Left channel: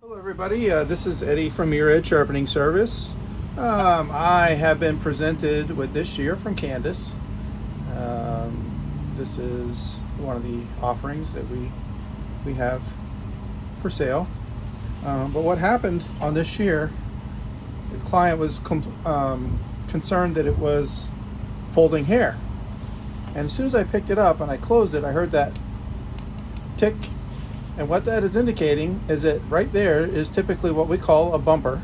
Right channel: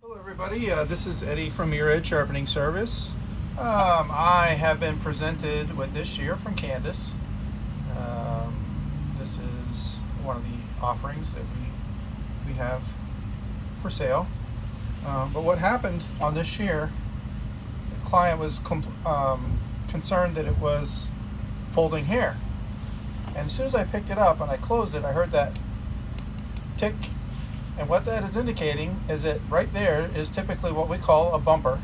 Hello everybody, this is Eddie from Mirror Edge Sharpening Service. I have been presented with this shear from Candace. This is one of the offerings that we have for sale. But what happened on this shear, the client was concerned that it was folding hair. And as soon as I picked it up and I closed it, I heard that tick. And what that is indicating is that right there is typically what we call a bumper.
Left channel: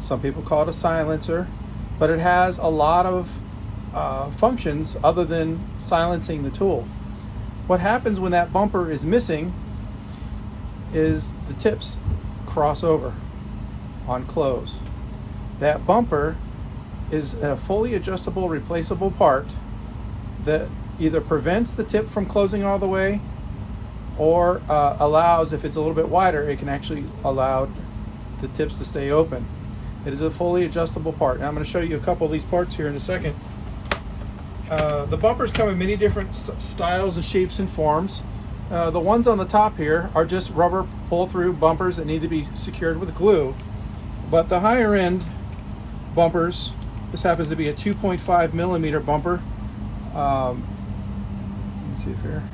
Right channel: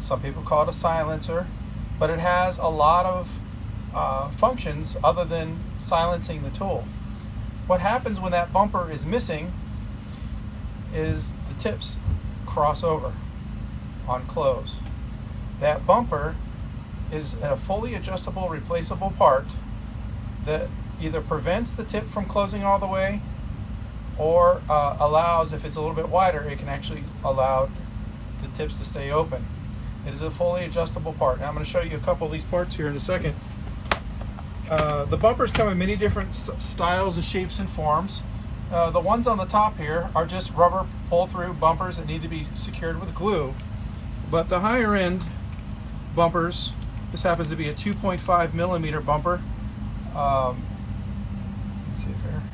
Some people call it a silencer, but it has a lot of functions other than silencing the tool. What happens when that bumper is missing is the tips cross over on close. That bumper is a fully adjustable, replaceable part that either prevents the tip from closing all the way or allows, if it's a little bit wider, it can actually allow the tips to stay open. It is a fully adjustable part. Now I'm going to show you a couple of these parts here in a second. The bumpers come in many different styles and shapes and forms. The ones on the top here are just rubber pull-through bumpers that need to be secured with glue. But the higher end bumpers, this happens to be a 2.5 millimeter bumper. Let's see if here.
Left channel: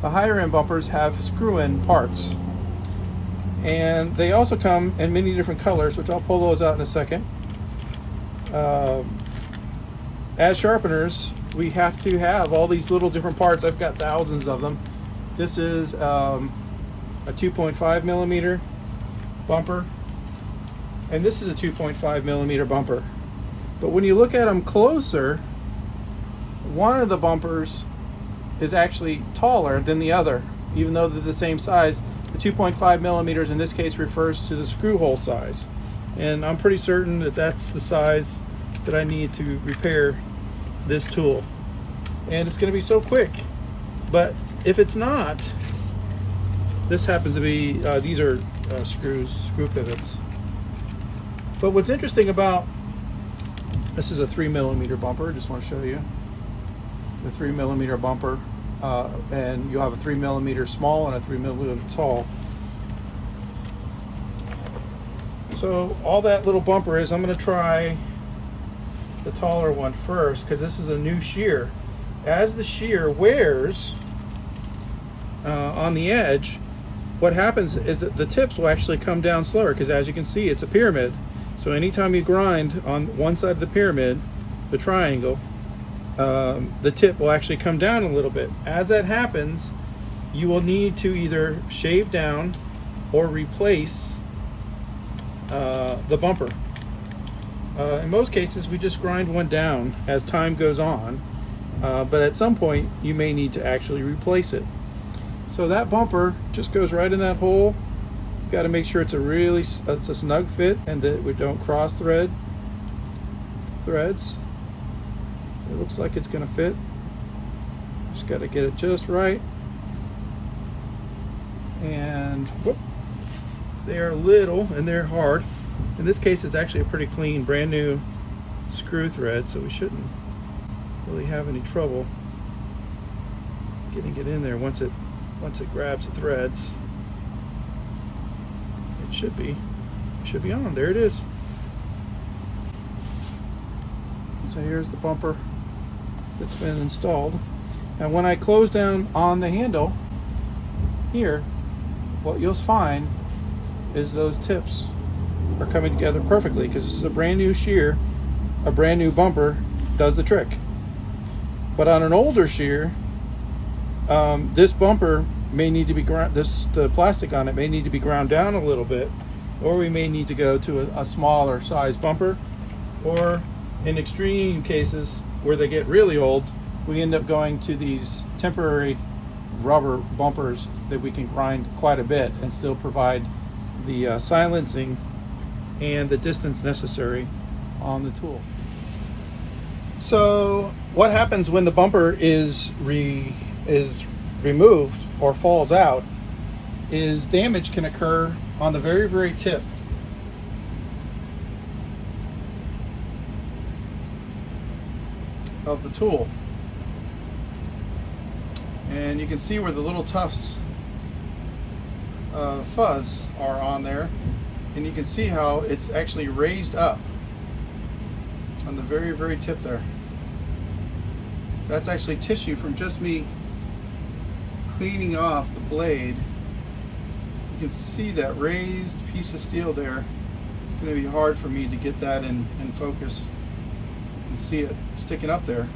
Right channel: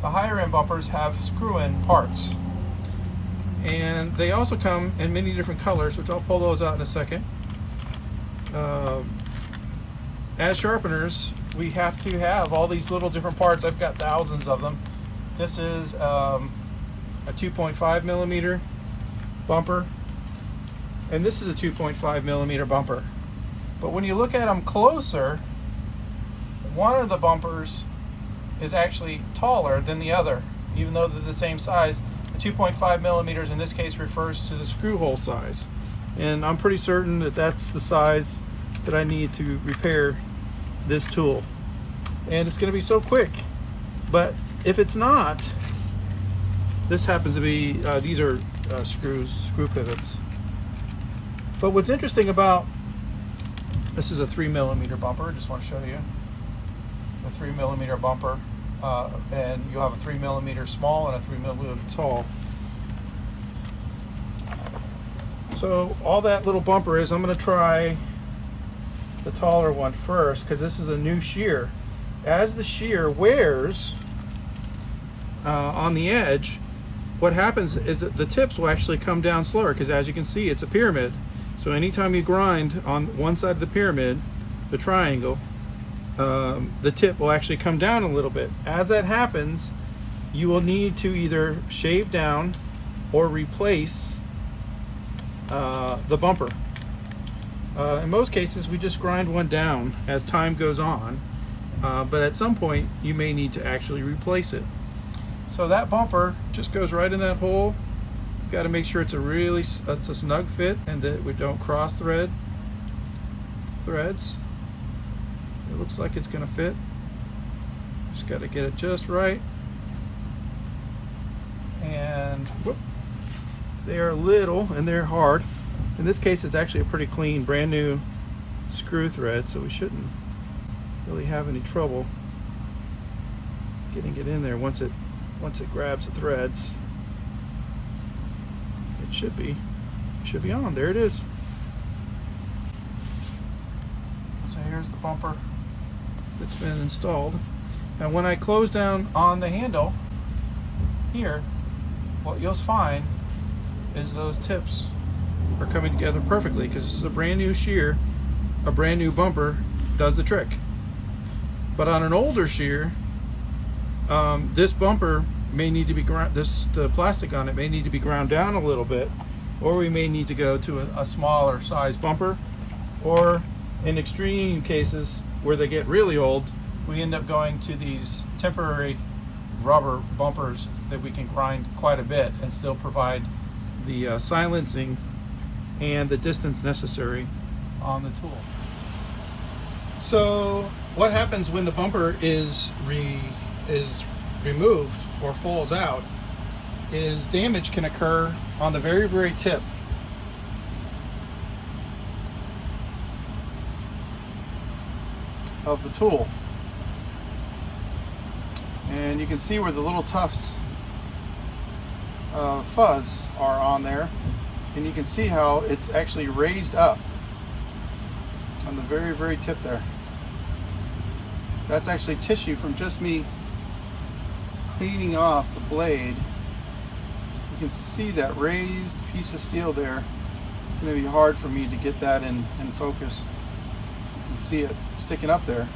The higher end bumpers have screw-in parts, and they also come in many different colors, which I'll pull those out in a second. As sharpeners, we have to have all these little different parts. I've got thousands of them. This is a 2.5 millimeter bumper, and this is a 2.5 millimeter bumper. But when you look at them closer, one of the bumpers is actually taller than the other, even though they're the same size. The 2.5 millimeters in this case refers to the screw hole size, and I'm pretty certain that that's the size that I need to repair this tool, and it's going to be so quick. But if it's not, this happens to be these are screw pivots. But what's interesting about this is a 3 millimeter bumper. I just want to show you the 3 millimeter bumper, and you have a 3 millimeter small and a 3 millimeter tall. So all that little bumper is, I'm going to try the taller one first because this is a new shear. As the shear wears on the edge, what happens is that the tips will actually come down slower, because as you can see, it's a pyramid. So anytime you grind on one side of the pyramid, the triangle, the tip will actually come down a little bit. As that happens, you will need to either shave down or replace the bumper. In most cases, we just grind one down as time goes on, but at some point you may need to actually replace it. So that bumper just goes right in that hole. You've got to make sure it's a snug fit and that we don't cross threads. It looks like it's going to fit. Just got to get it just right. And whoop, they're little and they're hard. In this case, it's actually a pretty clean, brand new screw thread, so we shouldn't really have any trouble getting it in there once it grabs the threads. It should be on. There it is. So here's the bumper that's been installed. And when I close down on the handle here, what you'll find is those tips are coming together perfectly, because this is a brand new shear. A brand new bumper does the trick. But on an older shear, this bumper may need to be the plastic on it may need to be ground down a little bit, or we may need to go to a smaller size bumper, or in extreme cases where they get really old, we end up going to these temporary rubber bumpers that we can grind quite a bit and still provide the silencing and the distance necessary on the tool. So what happens when the bumper is removed or falls out is damage can occur on the very, very tip of the tool. And you can see where the little tufts fuzz are on there, and you can see how it's actually raised up on the very tip there. That's actually tissue from just me cleaning off the blade. You can see that raised piece of steel there. It's going to be hard for me to get that in focus. You can see it sticking up there.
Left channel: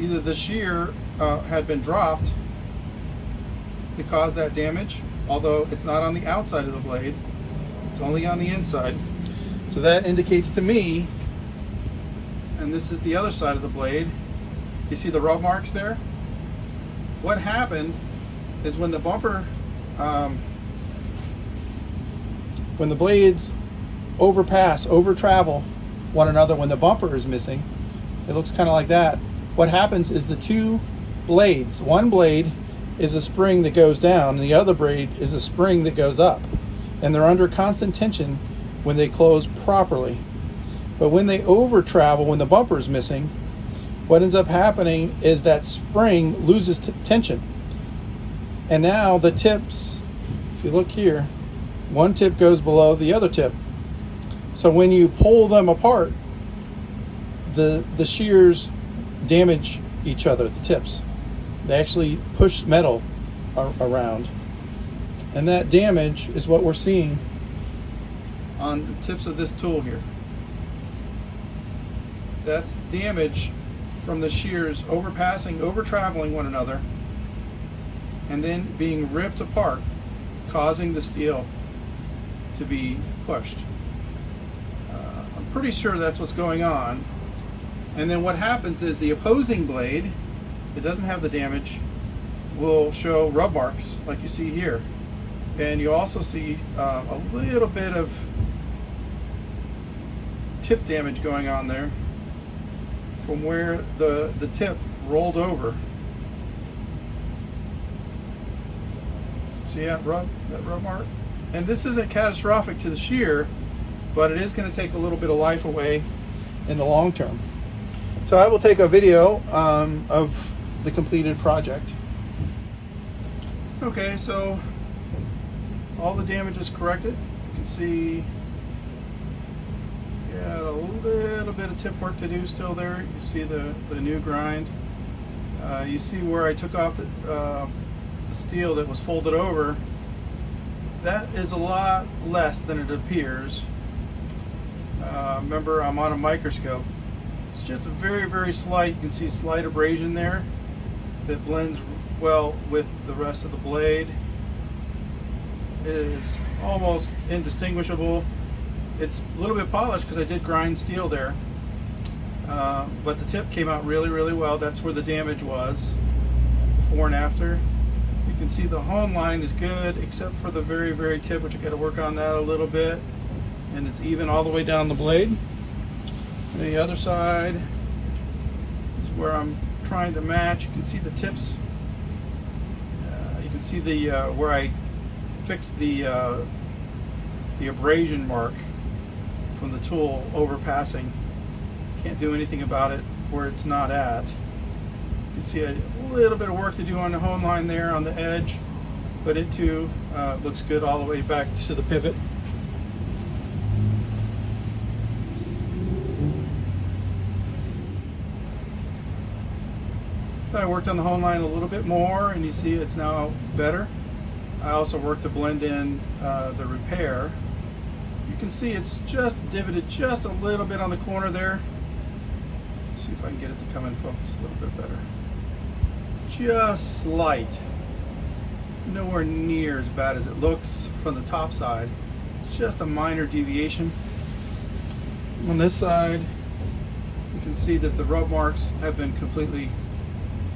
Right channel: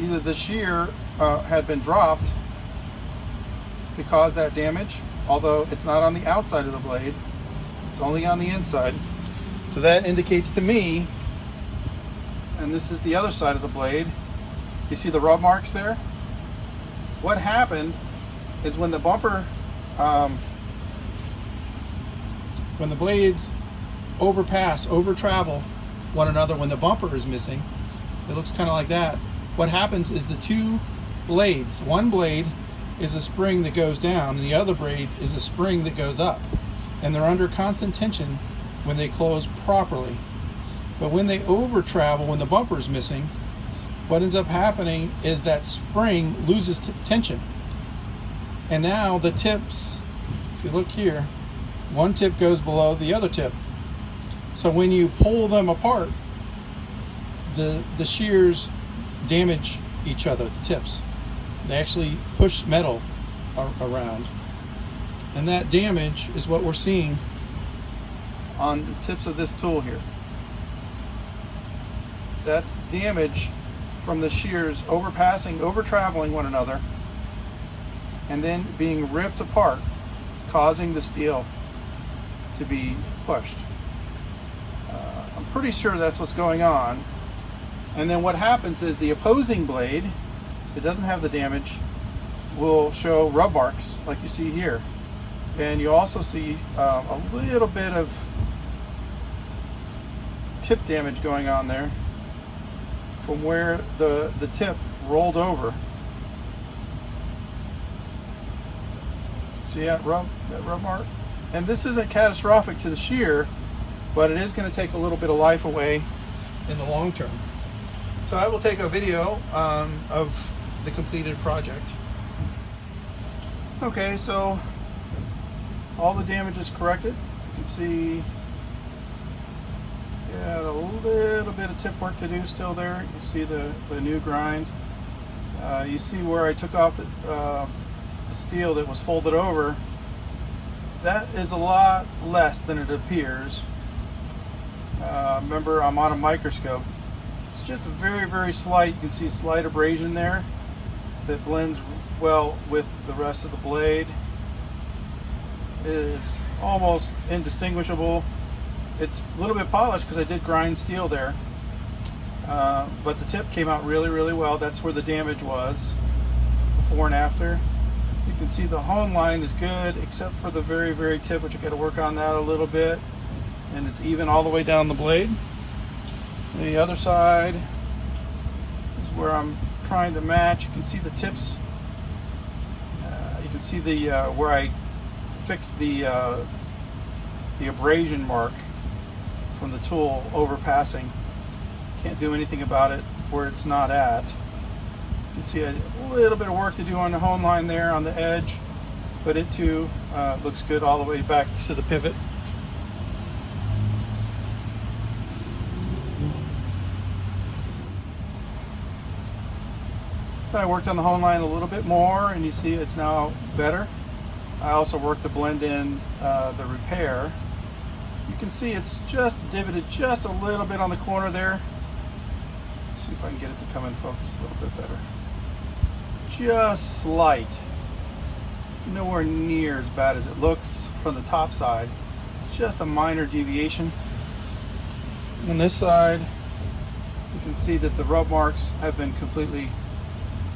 Either the shear had been dropped to cause that damage, although it's not on the outside of the blade, it's only on the inside. So that indicates to me, and this is the other side of the blade, you see the rub marks there? What happened is when the bumper, when the blades over travel one another, when the bumper is missing, it looks kind of like that. What happens is the two blades, one blade is a spring that goes down and the other blade is a spring that goes up, and they're under constant tension when they close properly. But when they over travel, when the bumper is missing, what ends up happening is that spring loses tension, and now the tips, if you look here, one tip goes below the other tip. So when you pull them apart, the shears damage each other, the tips. They actually push metal around, and that damage is what we're seeing on the tips of this tool here. That's damage from the shears over traveling one another, and then being ripped apart, causing the steel to be pushed. I'm pretty sure that's what's going on. And then what happens is the opposing blade, if it doesn't have the damage, will show rub marks like you see here. And you also see a little bit of tip damage going on there from where the tip rolled over. See that rub mark? And this isn't catastrophic to the shear, but it is going to take a little bit of life away in the long term. So I will take a video of the completed project. Okay, so all the damage is corrected. You can see a little bit of tip work to do still there. You see the new grind. You see where I took off the steel that was folded over. That is a lot less than it appears. Remember, I'm on a microscope. It's just a very slight, you can see slight abrasion there that blends well with the rest of the blade. It is almost indistinguishable. It's a little bit polished because I did grind steel there, but the tip came out really well. That's where the damage was, before and after. You can see the hone line is good except for the very tip, which I got to work on that a little bit, and it's even all the way down the blade. The other side is where I'm trying to match. You can see the tips. You can see the where I fixed the abrasion mark from the tool overpassing. Can't do anything about it where it's not at. You can see a little bit of work to do on the hone line there on the edge, but it too looks good all the way back to the pivot. I worked on the hone line a little bit more, and you see it's now better. I also worked to blend in the repair. You can see it's just divoted just a little bit on the corner there. Let's see if I can get it to come in focus a little bit better. Just slight. Nowhere near as bad as it looks from the top side. It's just a minor deviation. On this side, you can see that the rub marks have been completely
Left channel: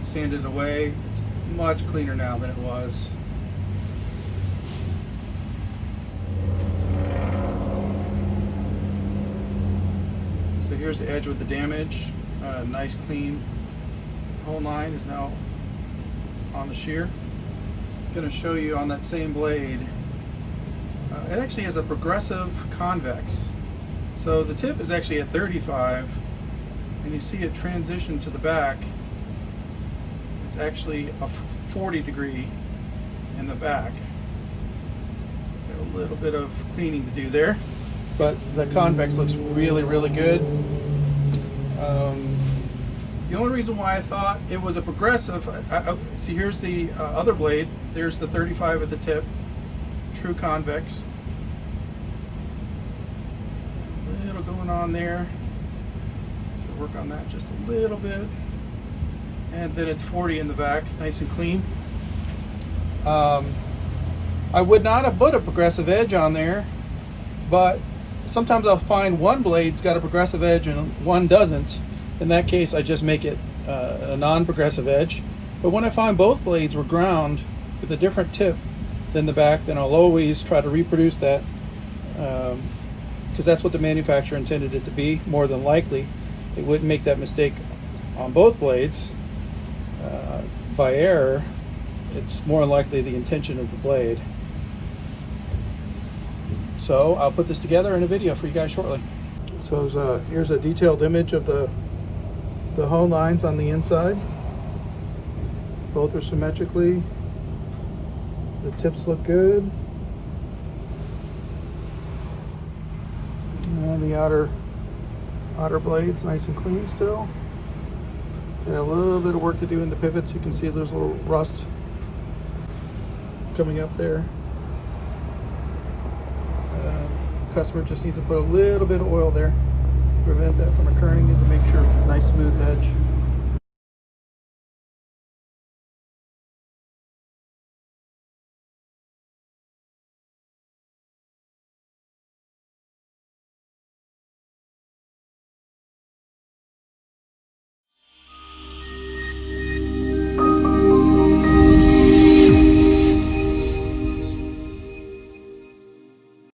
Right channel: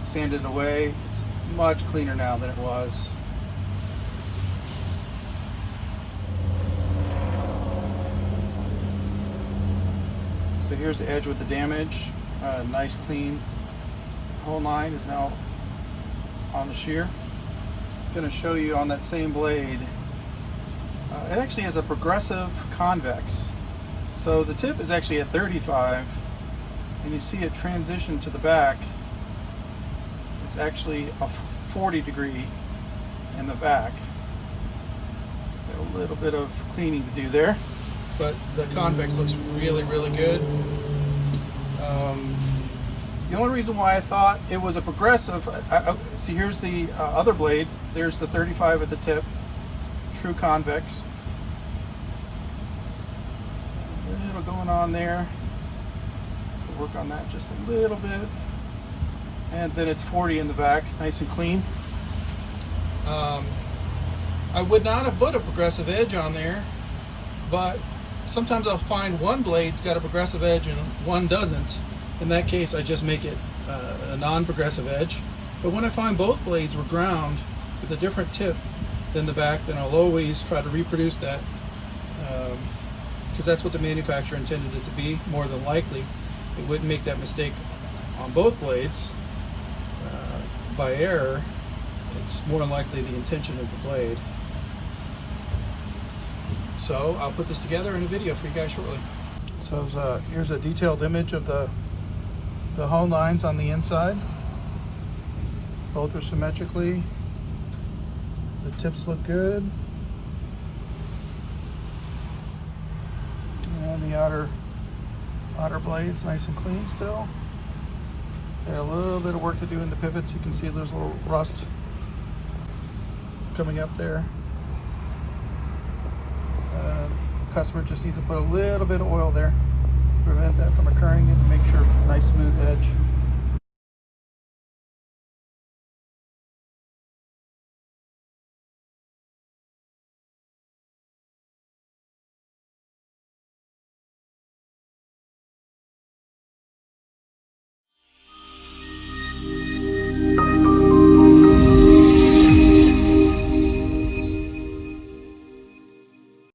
sanded away. It's much cleaner now than it was. So here's the edge with the damage. Nice clean hone line is now on the shear. I'm going to show you on that same blade. It actually has a progressive convex. So the tip is actually at 35, and you see it transition to the back. It's actually a 40 degree in the back. A little bit of cleaning to do there, but the convex looks really, really good. The only reason why I thought it was a progressive, see, here's the other blade. There's the 35 at the tip, true convex. A little going on there. Work on that just a little bit. And then it's 40 in the back, nice and clean. I would not have put a progressive edge on there, but sometimes I'll find one blade's got a progressive edge and one doesn't. In that case, I just make it a non-progressive edge. But when I find both blades were ground with a different tip than the back, then I'll always try to reproduce that, because that's what the manufacturer intended it to be. More than likely, it wouldn't make that mistake on both blades by error. It's more likely the intention of the blade. So I'll put this together in a video for you guys shortly. So here's a detailed image of the hone lines on the inside. Both are symmetrically. The tips look good. And the outer blades nice and clean still. Got a little bit of work to do in the pivots. You can see there's a little rust coming up there. Customer just needs to put a little bit of oil there to prevent that from occurring and to make sure nice smooth edge.